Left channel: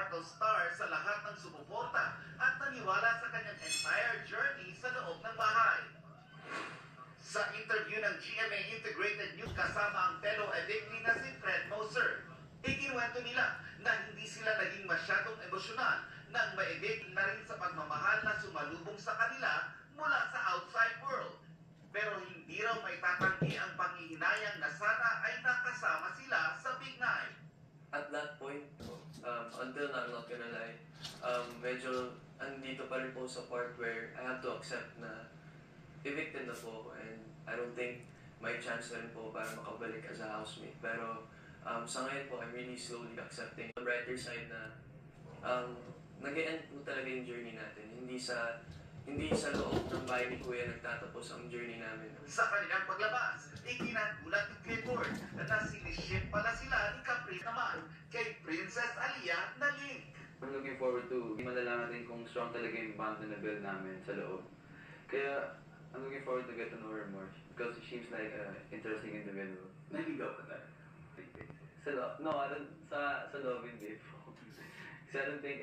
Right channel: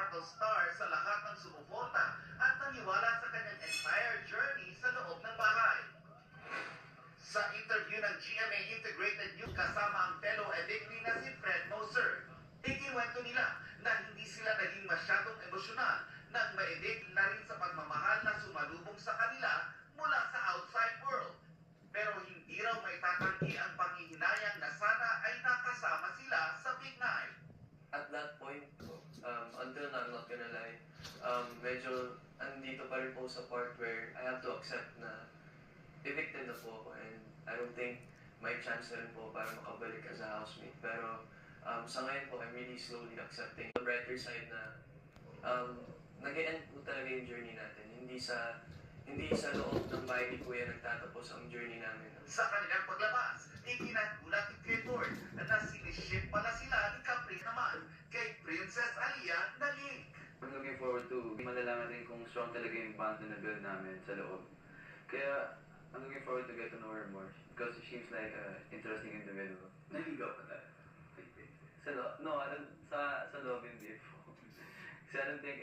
Sparkle Star sa lahat ng sumuporta at naniwala sa kanyang entire journey sa loob ng bahay. Sa interview ng GMA Integrated News kasama ang fellow evictee na si Fred Moser, ikinuwento nila na hindi sila naging masyadong emosyonal nang ma-evict na rin sa pagmamahal na sumalubong sa kanila mula sa outside world. Pero hindi raw may tatanggi ang panghihinayang na sana ay nakasama sila sa Big Night. At that point, until now, I'm not gonna lie, medyo andito pa rin po sa part where I have to accept na evicted na po ako and I don't think may chance na rin po para makabalik as a housemate. Pero sa ngayon po, I'm really slowly accepting the brighter side na nag-e-end po talaga yung journey natin. Hindi sa loob ng bahay ni Kuya nagtatapos ang journey namin. Sa kanilang paglabas, ikinagulat ni Clifford na siniship pala sila ni Capri naman kay Princess Alia na link. I'm looking forward to malalaman natin kung strong talaga yung bond na na-build namin sa loob. Kaya I'm looking forward to get to know her more because she seems like an interesting individual. Naligaw ka tayo. No, sa loob hindi po. Kasi I don't think